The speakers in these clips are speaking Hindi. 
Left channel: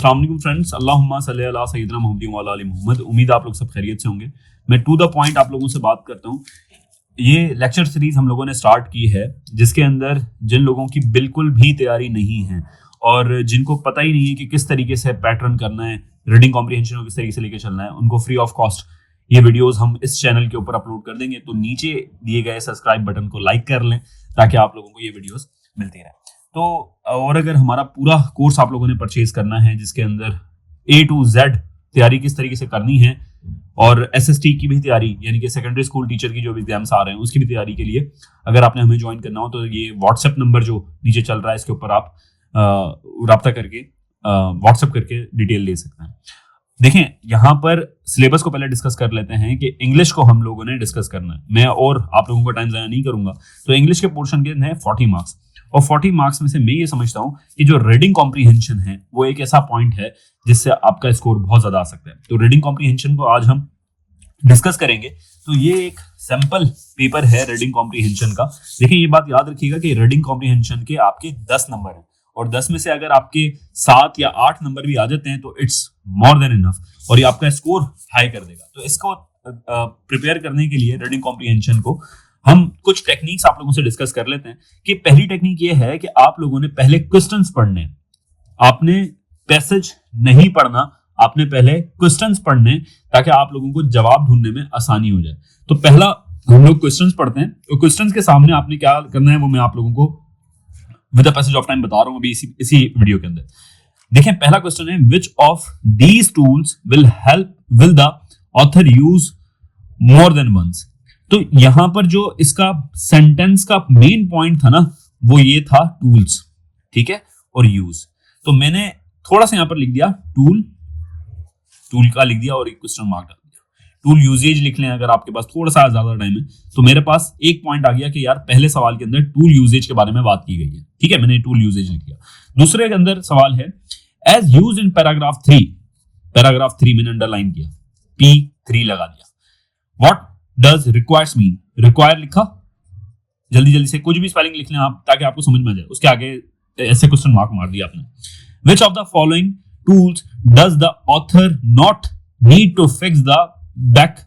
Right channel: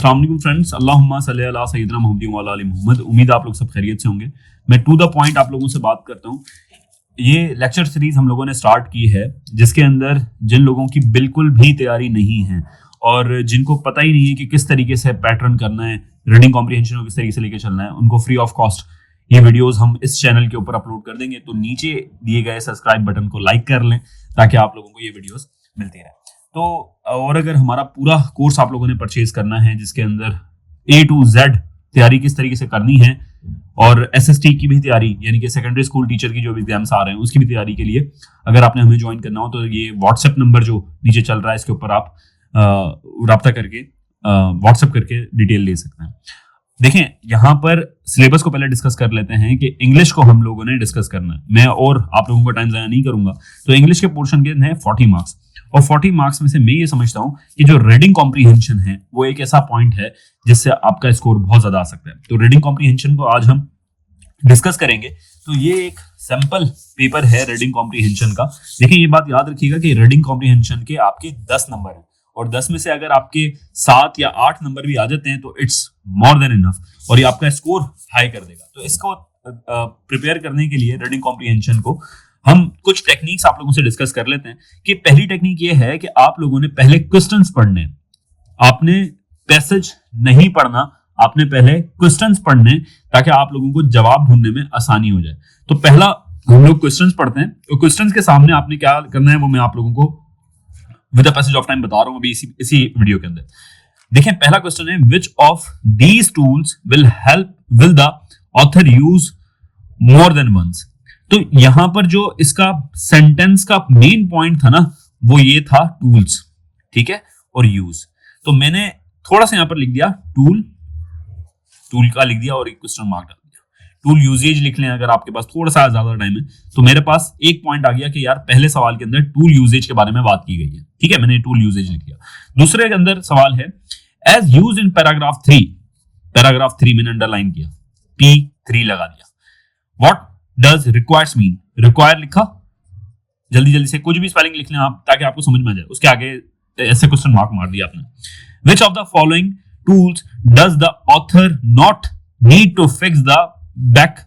अस्सलाम वालेकुम फ्रेंड्स, अल्लाहुम्मा सल्ली अला सय्यिदना मुहम्मद व अला आलि मुहम्मद। उम्मीद आप लोग सब खैरियत से होंगे। मैं टू द पॉइंट आप लोगों से बात करता हूँ। ये लेक्चर सीरीज हम लोगों ने स्टार्ट की है, जिसके अंदर जिन लोगों की बिल्कुल भी तैयारी नहीं है और जिनको पता ही नहीं है कि किस तरीके से पैटर्न करना है, रीडिंग कॉम्प्रिहेंशन को किस तरीके से लेके चलना है, उनको फ्री ऑफ कॉस्ट ये वीडियोस हम इस चैनल के ऊपर अपलोड कर देंगे। तो नीचे दिए गए सब्सक्राइब बटन को लाइक कर लें ताकि आप लोगों को ये वीडियोस मिलती रहे। तो और अगर हमारा पूरा कोर्स आप लोगों ने परचेज करना है, जिसके अंदर A to Z तैयारी किस तरीके से करनी है और SST की भी तैयारी, यानी कि सेकेंडरी स्कूल टीचर की जो भी एग्जाम्स आ रहे हैं उसकी भी तैयारी के लिए अगर आपने हमें ज्वाइन करना हो तो ये व्हाट्सएप नंबर जो नीचे चल रहा है इसके ऊपर आप रब्ता करके व्हाट्सएप करके डिटेल ले सकते हैं। देखें, यहाँ पर सिलेबस को पहले डिस्कस कर लेते हैं कि इंग्लिश को हम लोगों ने डिस्कस करना है। मैं और आप लोगों का टाइम ज़ाया नहीं करूंगा। तो इंग्लिश के पोर्शन के हैं 40 मार्क्स और 40 मार्क्स में से मैं ये समझता हूँ कि जो रीडिंग कॉम्प्रिहेंशन है वो एक ऐसा पॉइंट है जिससे आपका स्कोर बहुत ज्यादा आ सकता है। तो रीडिंग कॉम्प्रिहेंशन को आज हम डिस्कस करेंगे। तो ये एक सिंपल पेपर है रीडिंग कॉम्प्रिहेंशन का। देखिए, ये बात याद रखिएगा कि रीडिंग कॉम्प्रिहेंशन के आपके 10 नंबर है और 10 में से अगर आपके 7 या 8 नंबर भी आ जाते हैं तो इट्स मोर देन इनफ और ये आपका स्कोर हाई कर देगा। तो इसको प्रिपेयर करने के लिए रीडिंग कॉम्प्रिहेंशन को हम कुछ टेक्निक्स आप लोगों से डिस्कस कर लेते हैं। कि पहली टेक्निक ये है कि आप लोगों ने पहले क्वेश्चंस पढ़ने, आपने पैसेज नहीं पढ़ना, आपने पहले क्वेश्चंस पढ़ने ताकि आप लोगों को जवाब ढूंढने में आसानी हो जाए। तो पहला हम लोग क्वेश्चंस पढ़ते हैं। तो क्वेश्चंस के सामने आपने क्या करना है वो मैं आप लोगों को with the passage of time बता रहा हूं अभी इसी वीडियो के अंदर। देखिए, पहला क्वेश्चन है which of these tools will the author use more than once. तो यहां पर जो इसका सेंटेंस का मेन पॉइंट था ना वो ये था टूल्स, ठीक है, और यूज। तो मैंने थोड़ा सा यहां पर लिख दिया टूल का लिख दिया और एक क्वेश्चन मार्क डाल दिया। टूल यूजेज लिख लें अगर आपके पास थोड़ा सा ज्यादा टाइम है। तो मेरे पास एक पॉइंट आ गया कि यार पहले सवाल के अंदर टूल यूजेज के बारे में बात की गई है, ठीक है, मैंने टूल यूजेज लिख दिया। दूसरे के अंदर सवाल है एज यूज इन पैराग्राफ 3 मैंने अंडरलाइन किया, P3 लगा दिया। What does requires mean, require लिखा, जल्दी से कुछ भी स्पेलिंग लिख लें आप ताकि आपको समझ में आ जाए। उसके आगे ऐसे क्वेश्चन मार्क मार दिया आपने। Which of the following tools does the author not need to fix the back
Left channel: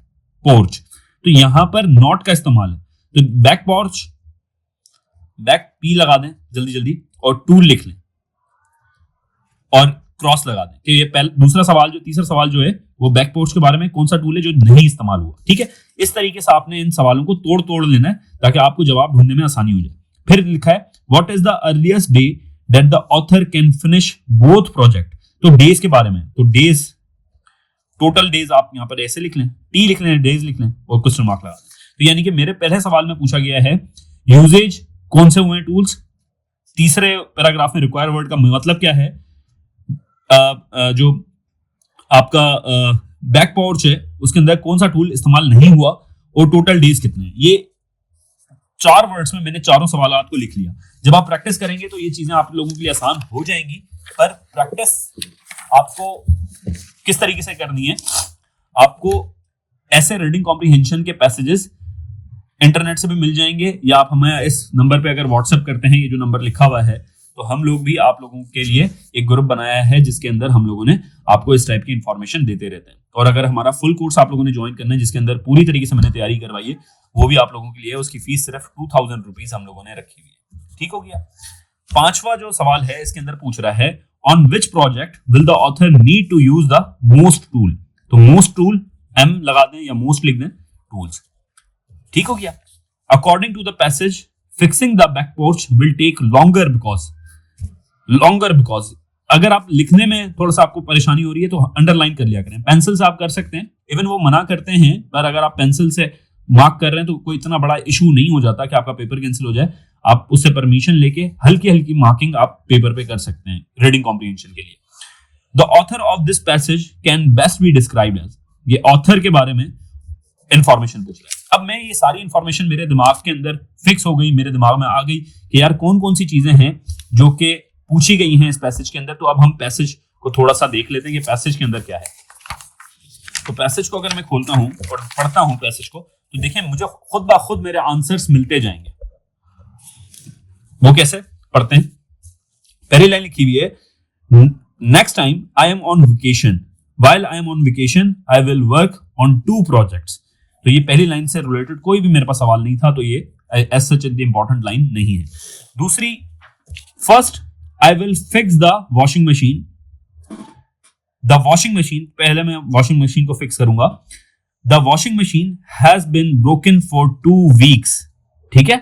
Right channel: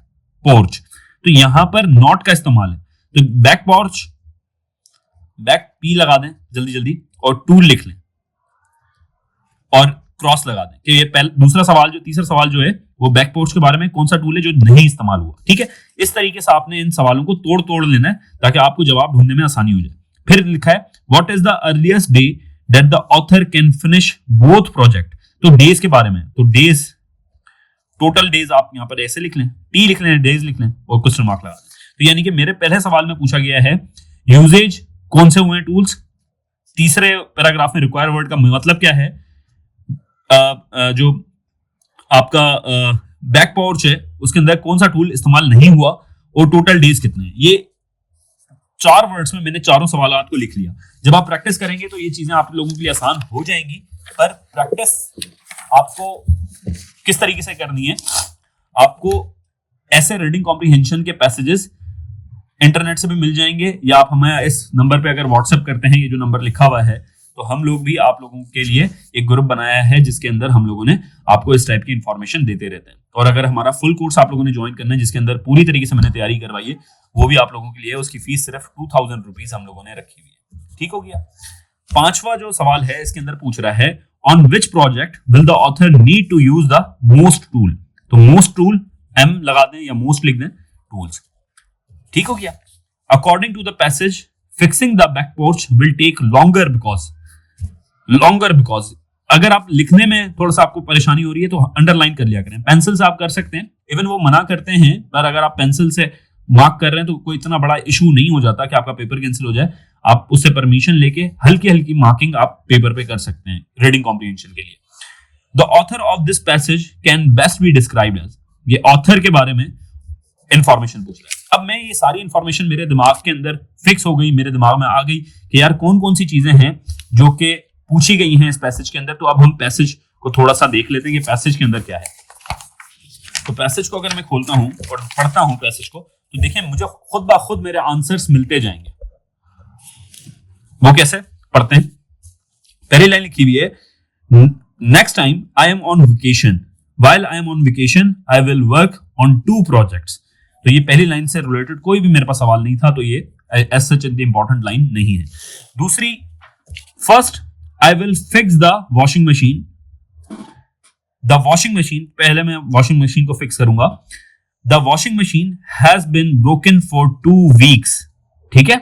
porch? तो यहां पर not का इस्तेमाल है। तो back porch, back P लगा दें जल्दी और tool लिख लें और क्रॉस लगा दें कि ये दूसरा सवाल तीसरा सवाल जो है वो बैक पोर्च के बारे में कौन सा टूल है जो नहीं इस्तेमाल हुआ, ठीक है। इस तरीके से आपने इन सवालों को तोड़ लेना है ताकि आपको जवाब ढूंढने में आसानी हो जाए। फिर लिखा है what is the earliest day that the author can finish both project. तो डेज के बारे में, तो डेज, टोटल डेज आप यहाँ पर ऐसे लिख लें, टी लिख लें, डेज लिख लें और क्वेश्चन मार्क लगा दें। तो यानी कि मेरे पहले सवाल में पूछा गया है यूजेज कौन से हुए टूल्स, तीसरे पैराग्राफ में रिक्वायर वर्ड का मतलब क्या है, जो आपका बैक पोर्च है उसके अंदर कौन सा टूल इस्तेमाल नहीं हुआ और टोटल डेज कितने हैं। ये 4 वर्ड्स में मैंने चारों सवालों को लिख लिया। जब आप प्रैक्टिस करेंगे तो ये चीजें आप लोगों के लिए आसान हो जाएंगी। पर प्रैक्टिस आपको किस तरीके से करनी है, आपको ऐसे रीडिंग कॉम्प्रिहेंशन के पैसेजेस इंटरनेट से भी मिल जाएंगे या आप हमें इस नंबर पे अगर व्हाट्सएप करते हैं, ये जो नंबर लिखा हुआ है, तो हम लोग भी आप लोगों के लिए एक ग्रुप बनाया है जिसके अंदर हम लोगों ने आपको इस टाइप की इंफॉर्मेशन देते रहते हैं। और अगर हमारा फुल कोर्स आप लोगों ने ज्वाइन करना है जिसके अंदर पूरी तरीके से मैंने तैयारी करवाई है, वो भी आप लोगों के लिए, उसकी फीस सिर्फ 2000 रुपीज हम लोगों ने रखी हुई है, ठीक हो गया। पांचवा जो सवाल है इसके अंदर पूछ रहा है on which project will the author need to use the most tool. तो मोस्ट टूल M लगा दें या मोस्ट लिख दें, टूल्स, ठीक हो गया। According to the passage fixing the back porch will take longer because अगर आप लिखने में थोड़ा सा आपको परेशानी हो रही है तो अंडरलाइन कर लिया करें। पेंसिल से आप कर सकते हैं, इवन वो मना करते हैं, पर अगर आप पेंसिल से मार्क कर रहे हैं तो कोई इतना बड़ा इशू नहीं हो जाता कि आपका पेपर कैंसिल हो जाए। आप उससे परमिशन लेके हल्की मार्किंग आप पेपर पे कर सकते हैं रीडिंग कॉम्प्रिहेंशन के लिए। The author of this passage can best be described as, ये ऑथर के बारे में इंफॉर्मेशन पूछ रहा है। अब मैं ये सारी इंफॉर्मेशन मेरे दिमाग के अंदर फिक्स हो गई, मेरे दिमाग में आ गई कि यार कौन कौन सी चीजें हैं जो कि पूछी गई हैं इस पैसेज के अंदर। तो अब हम पैसेज को थोड़ा सा देख लेते हैं कि पैसेज के अंदर क्या है। तो पैसेज को अगर मैं खोलता हूं और पढ़ता हूं पैसेज को, तो देखिए मुझे खुद ब खुद मेरे आंसर्स मिलते जाएंगे। वो कैसे पढ़ते हैं, पहली लाइन लिखी हुई है next time I am on vacation, while I am on vacation I will work on 2 projects। तो ये पहली लाइन से रिलेटेड कोई भी मेरे पास सवाल नहीं था, तो ये as such इंपॉर्टेंट लाइन नहीं है। दूसरी, first I will fix the washing machine. The washing machine, पहले मैं वॉशिंग मशीन को फिक्स करूंगा। The washing machine has been broken for 2 weeks। ठीक है,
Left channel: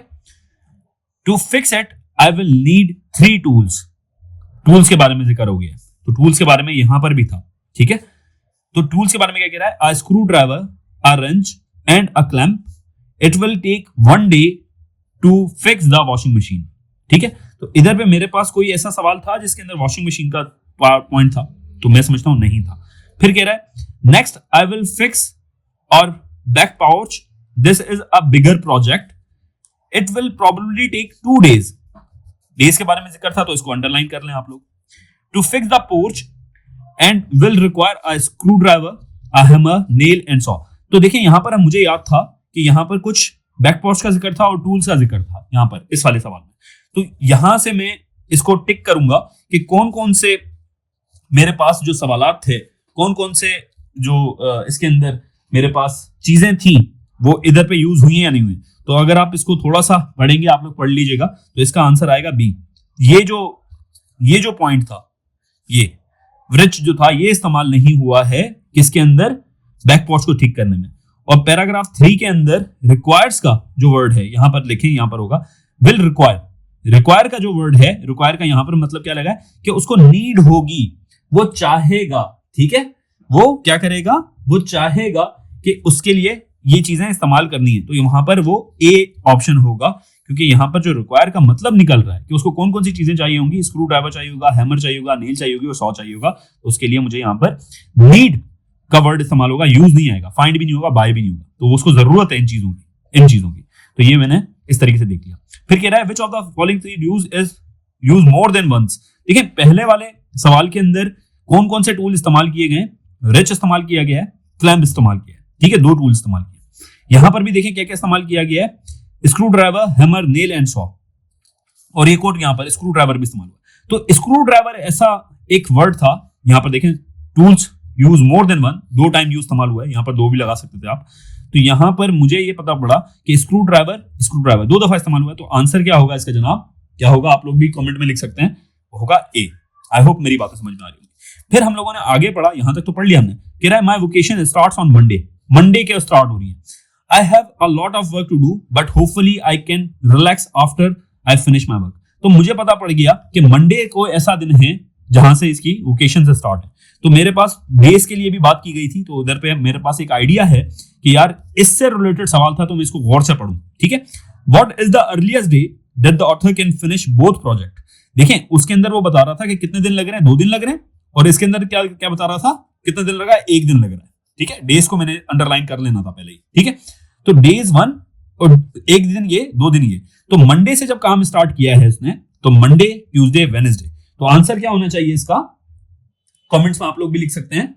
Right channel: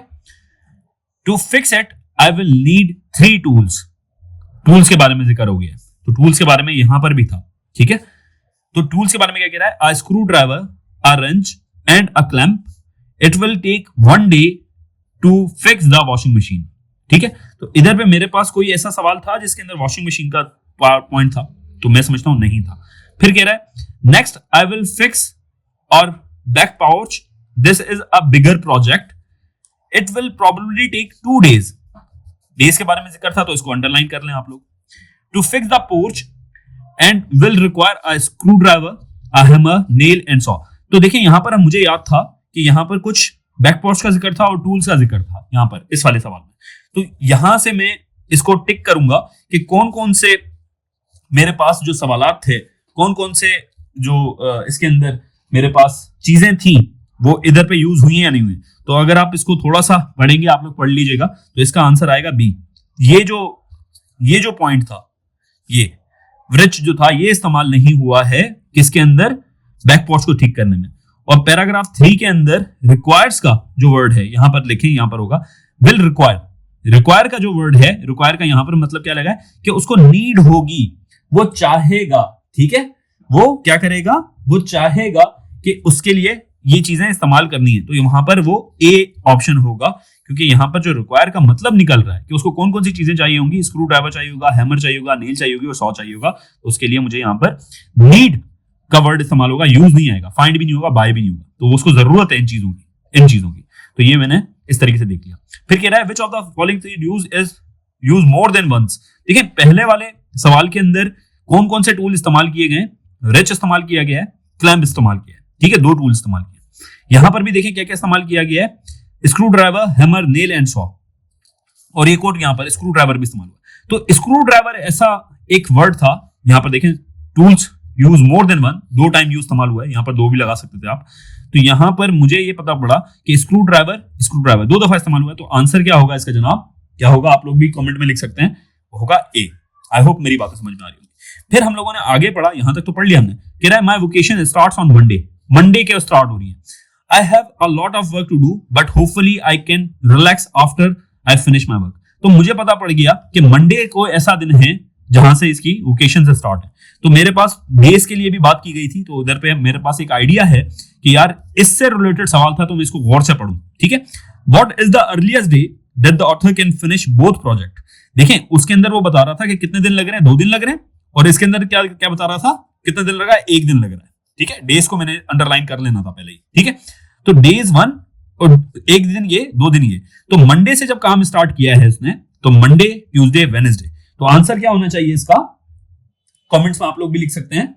to fix it I will need 3 tools। Tools के बारे में जिक्र हो गया, तो टूल्स के बारे में यहां पर भी था। ठीक है, तो टूल्स के बारे में क्या कह रहा है, a screwdriver, a wrench and a clamp, it will take 1 day to fix the washing machine. ठीक है, तो इधर पे मेरे पास कोई ऐसा सवाल था जिसके अंदर वॉशिंग मशीन का पॉइंट था, तो मैं समझता हूं नहीं था। फिर कह रहा है नेक्स्ट आई विल फिक्स और back porch, this is a bigger project, it will probably take 2 days। Days के बारे में जिक्र था, तो इसको अंडरलाइन कर लें आप लोग। To fix the porch and will require a screwdriver, a hammer, nail and saw। तो देखिए यहां पर मुझे याद था कि यहां पर कुछ बैकपोर्च का जिक्र था और टूल्स का जिक्र था यहां पर इस वाले सवाल में। तो यहां से मैं इसको टिक करूंगा कि कौन कौन से मेरे पास जो सवालात थे, कौन कौन से जो इसके अंदर मेरे पास चीजें थी वो इधर पे यूज हुई है या नहीं हुई। तो अगर आप इसको थोड़ा सा पढ़ेंगे, आप लोग पढ़ लीजिएगा, तो इसका आंसर आएगा बी। ये जो पॉइंट था, ये व्रिच जो था, ये इस्तेमाल नहीं हुआ है किसके अंदर, बैक पोर्च को ठीक करने में। और पैराग्राफ 3 के अंदर रिक्वायर्स का जो वर्ड है, यहां पर लिखें, यहां पर होगा विल रिक्वायर। रिक्वायर का जो वर्ड है, रिक्वायर का यहां पर मतलब क्या लगा है कि उसको नीड होगी, वो चाहेगा। ठीक है, वो क्या करेगा, वो चाहेगा कि उसके लिए ये चीजें इस्तेमाल करनी है, तो यहां पर वो ए ऑप्शन होगा, क्योंकि यहां पर जो रिक्वायर का मतलब निकल रहा है कि उसको कौन कौन सी चीजें चाहिए होंगी, स्क्रू ड्राइवर चाहिए होगा, हैमर चाहिए होगा, नेल चाहिए होगी और सॉ चाहिए होगा। तो उसके लिए मुझे यहाँ पर नीड का वर्ड इस्तेमाल होगा, यूज नहीं आएगा, फाइंड भी नहीं होगा, बाय भी नहीं होगा, तो उसको जरूरत है इन चीजों की। तो ये मैंने इस तरीके से देख लिया। फिर कह रहा है which of the following 3 use is use more than once. देखिए पहले वाले सवाल के अंदर कौन कौन से टूल इस्तेमाल किए गए, रेच इस्तेमाल किया गया है, क्लैंप इस्तेमाल किया है। ठीक है, 2 टूल इस्तेमाल किया। यहां पर भी देखिए क्या क्या इस्तेमाल किया गया है, screw driver, hammer, nail and saw, और एक और यहाँ पर स्क्रू ड्राइवर भी इस्तेमाल हुआ। तो स्क्रू ड्राइवर ऐसा एक वर्ड था, यहाँ पर देखें tools use more then 1, 2 time use इस्तेमाल हुआ है, यहाँ पर 2 भी लगा सकते थे आप। तो यहाँ पर मुझे ये पता पड़ा कि स्क्रू ड्राइवर 2 दफा इस्तेमाल हुआ है। तो आंसर क्या होगा इसका जनाब, क्या होगा आप लोग भी कमेंट में लिख सकते हैं, होगा ए। आई होप मेरी बात समझ में आ रही है। फिर हम लोगों ने आगे पढ़ा, यहां तक तो पढ़ लिया हमने। कह रहा है my vacation starts on Monday, Monday के स्टार्ट हो रही है। I have a lot of work to do, but hopefully I can relax after I finish my work। तो मुझे पता पड़ गया कि मंडे को ऐसा दिन है जहां से इसकी वेकेशन से स्टार्ट है। तो मेरे पास डेज के लिए भी बात की गई थी, तो उधर पे मेरे पास एक आइडिया है कि यार इससे रिलेटेड सवाल था, तो मैं इसको गौर से पढ़ूं। ठीक है, what is the earliest day that the author can finish both project. देखिए उसके अंदर वो बता रहा था कि कितने दिन लग रहे हैं, 2 दिन लग रहे हैं, और इसके अंदर क्या क्या बता रहा था, कितने दिन लग रहा है, 1 दिन लग रहा है। ठीक है, डेज को मैंने अंडरलाइन कर लेना था पहले ही। ठीक है, तो डेज 1 और 1 दिन ये, 2 दिन ये। तो मंडे से जब काम स्टार्ट किया है इसने, तो मंडे, ट्यूसडे, वेडनेसडे। तो आंसर क्या होना चाहिए इसका, कमेंट्स में आप लोग भी लिख सकते हैं।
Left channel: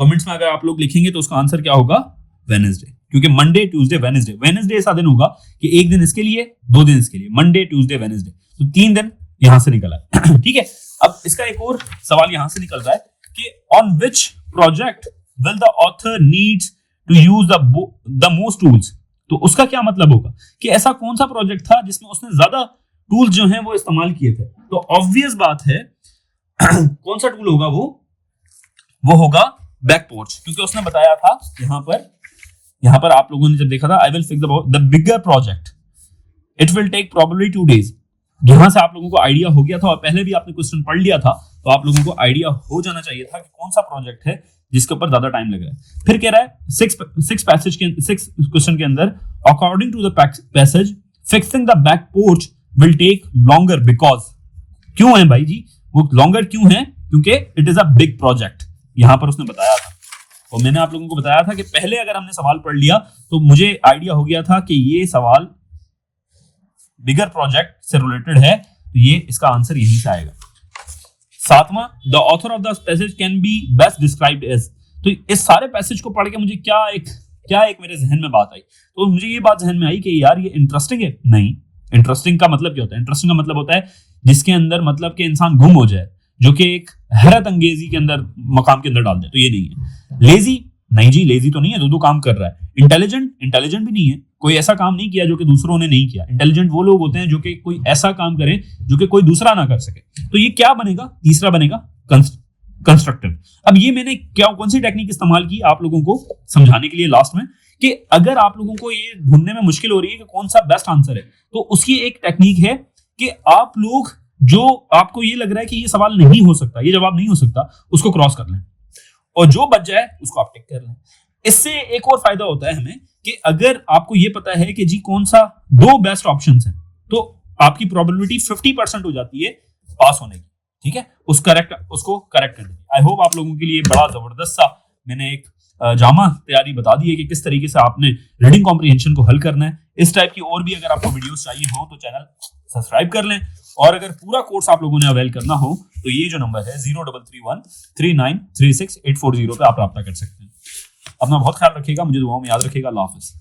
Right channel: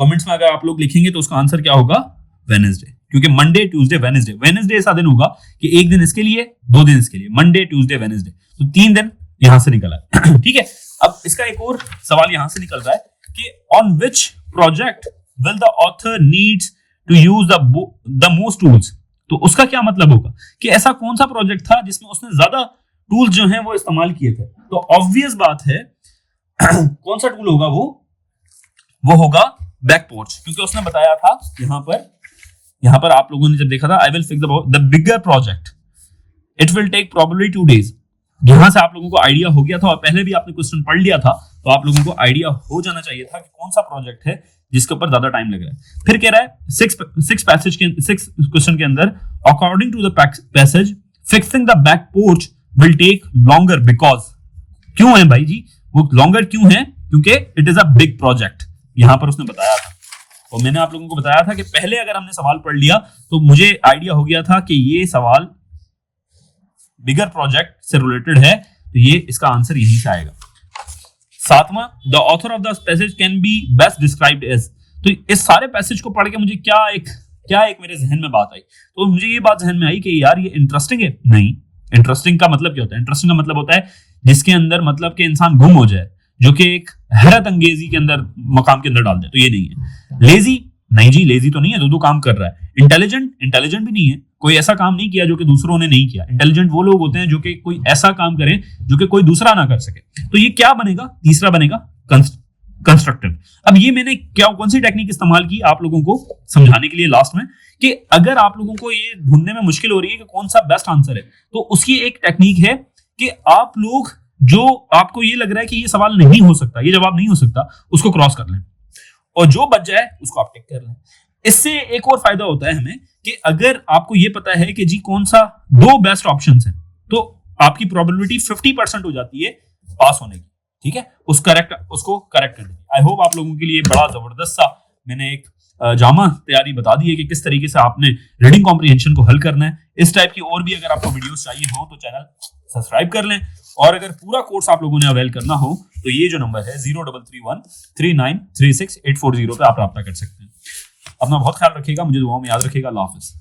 कमेंट्स में अगर आप लोग लिखेंगे तो उसका आंसर क्या होगा, वेडनेसडे, क्योंकि मंडे, ट्यूसडे, वेडनेसडे। वेडनेसडे ऐसा दिन होगा कि 1 दिन इसके लिए, 2 दिन इसके लिए, मंडे, ट्यूसडे, वेडनेसडे, तो 3 दिन यहां से निकला। ठीक है, अब इसका एक और सवाल यहां से निकल रहा है कि on which project will the author needs to use the most tools. तो उसका क्या मतलब होगा कि ऐसा कौन सा प्रोजेक्ट था जिसमें उसने ज्यादा टूल्स जो हैं वो इस्तेमाल किए थे। तो ऑब्वियस बात है कौन सा टूल होगा, वो होगा बैक पोर्च, क्योंकि उसने बताया था यहां पर आप लोगों ने जब देखा था, I will fix the bigger project, it will take probably 2 days। यहां से आप लोगों को आइडिया हो गया था, और पहले भी आपने क्वेश्चन पढ़ लिया था, तो आप लोगों को आइडिया हो जाना चाहिए था कि कौन सा प्रोजेक्ट है जिसके ऊपर ज्यादा टाइम लग रहा है। फिर कह रहा है 6 क्वेश्चन के अंदर, according to the passage fixing the back porch will take longer because. क्यों है भाई जी, वो लॉन्गर क्यों है, क्योंकि it is a big project, यहां पर उसने बताया। और मैंने आप लोगों को बताया था कि पहले अगर हमने सवाल पढ़ लिया तो मुझे आइडिया हो गया था कि ये सवाल बिगर प्रोजेक्ट से रिलेटेड है, तो ये इसका आंसर यहीं से आएगा। 7वां, the author of the passage can be best described as. तो इस सारे पैसेज को पढ़ के मुझे क्या एक मेरे जहन में बात आई, तो मुझे ये बात जहन में आई कि यार ये इंटरेस्टिंग है। नहीं, इंटरेस्टिंग का मतलब क्या होता है, इंटरेस्टिंग का मतलब होता है जिसके अंदर मतलब कि इंसान गुम हो जाए, जो कि एक हैरत अंगेजी के अंदर मकाम के अंदर डाल दे, तो ये नहीं है। लेजी, नहीं जी लेजी तो नहीं है, दो काम कर रहा है। इंटेलिजेंट, इंटेलिजेंट भी नहीं है, कोई ऐसा काम नहीं किया जो कि दूसरों ने नहीं किया। इंटेलिजेंट वो लोग होते हैं जो कि कोई ऐसा काम करे जो कि कोई दूसरा ना कर सके। तो ये क्या बनेगा, तीसरा बनेगा कंस्ट्रक्टिव। अब ये मैंने क्या कौन सी टेक्निक इस्तेमाल की आप लोगों को समझाने के लिए लास्ट में, कि अगर आप लोगों को ये ढूंढने में मुश्किल हो रही है कि कौन सा बेस्ट आंसर है, तो उसकी एक टेक्निक है कि आप लोग जो आपको ये लग रहा है कि ये सवाल नहीं हो सकता, ये जवाब नहीं हो सकता, उसको क्रॉस कर लें और जो बच जाए उसको आप टिक कर लें। इससे एक और फायदा होता है हमें कि अगर आपको ये पता है कि जी कौन सा दो बेस्ट ऑप्शंस हैं, तो आपकी प्रोबेबिलिटी 50% हो जाती है पास होने की। ठीक है, उसको करेक्ट करने की। आई होप आप लोगों के लिए बड़ा जबरदस्त सा मैंने एक जामा तैयारी बता दी है कि किस तरीके से आपने रीडिंग कॉम्प्रिहेंशन को हल करना है। इस टाइप की और भी अगर आपको वीडियोस चाहिए हो तो चैनल सब्सक्राइब कर लें, और अगर पूरा कोर्स आप लोगों ने अवेल करना हो तो ये जो नंबर है 03313936 840 पे आप रब्ता कर सकते हैं। अपना बहुत ख्याल रखिएगा, मुझे दुआओं में याद रखिएगा। अल्लाह हाफिज़।